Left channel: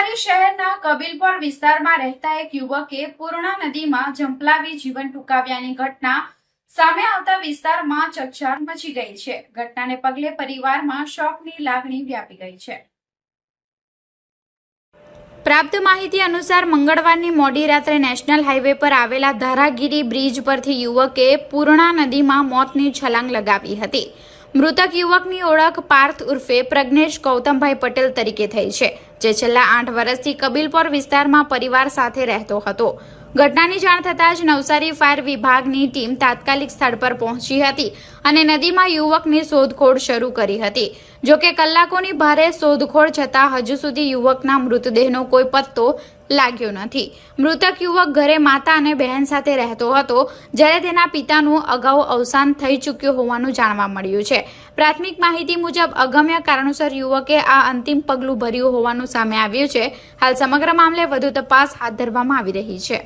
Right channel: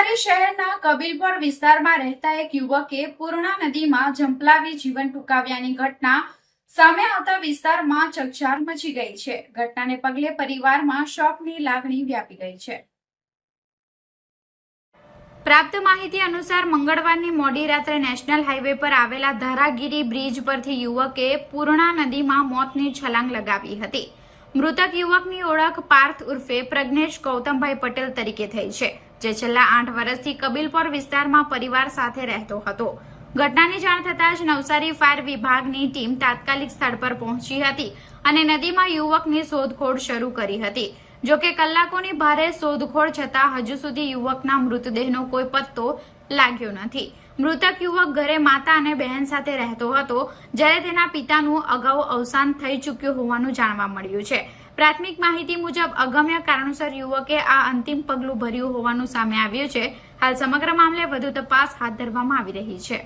નવસારી શહેરના કબીલપોર વિસ્તારમાં રહેતા એક યુવકે પૂર્ણા નદીમાં ઝંપલાવી જીવન ટૂંકાવ્યાની ઘટના સામે આવતા વિસ્તારમાં ચકચાર મચી ગઈ છે। ઘટનાને પગલે પરિવારમાં શોકની લાગણી વ્યાપી ગઈ છે। પ્રાપ્ત માહિતી અનુસાર મંગળવારની મોડી રાત્રે નેશનલ હાઈવે પર આવેલા ધારાગીરી બ્રિજ પરથી યુવકે પૂર્ણા નદીમાં મોતની છલાંગ લગાવી હતી। મૃતક યુવકની ઓળખ પાર્થ ઉર્ફે પ્રજ્ઞેશ ગૌતમભાઈ પટેલ તરીકે થઈ છે, જે છેલ્લા 8 વર્ષથી કબીલપોર વિસ્તારમાં પરિવાર સાથે રહેતો હતો। ઘટનાની જાણ થતાં જ નવસારી ફાયર વિભાગની ટીમ તાત્કાલિક સ્થળ પર પહોંચી હતી અને નદીમાં યુવકની શોધખોળ શરૂ કરી હતી। જોકે કલાકોની ભારે શોધખોળ છતાં હજુ સુધી યુવકના મૃતદેહનો કોઈ પત્તો લાગ્યો નથી। મૃતક યુવક ઘરે માતા અને બહેન સાથે રહેતો હતો, જ્યારે તેના પિતાનું અગાઉ અવસાન થઈ ચૂક્યું હોવાનું જાણવા મળ્યું છે। પ્રાથમિક માહિતી મુજબ અગમ્ય કારણોસર યુવકે આ અંતિમ પગલું ભર્યું હોવાનું સામે આવ્યું છે। હાલ સમગ્ર મામલે વધુ તપાસ હાથ ધરવામાં આવી રહી છે।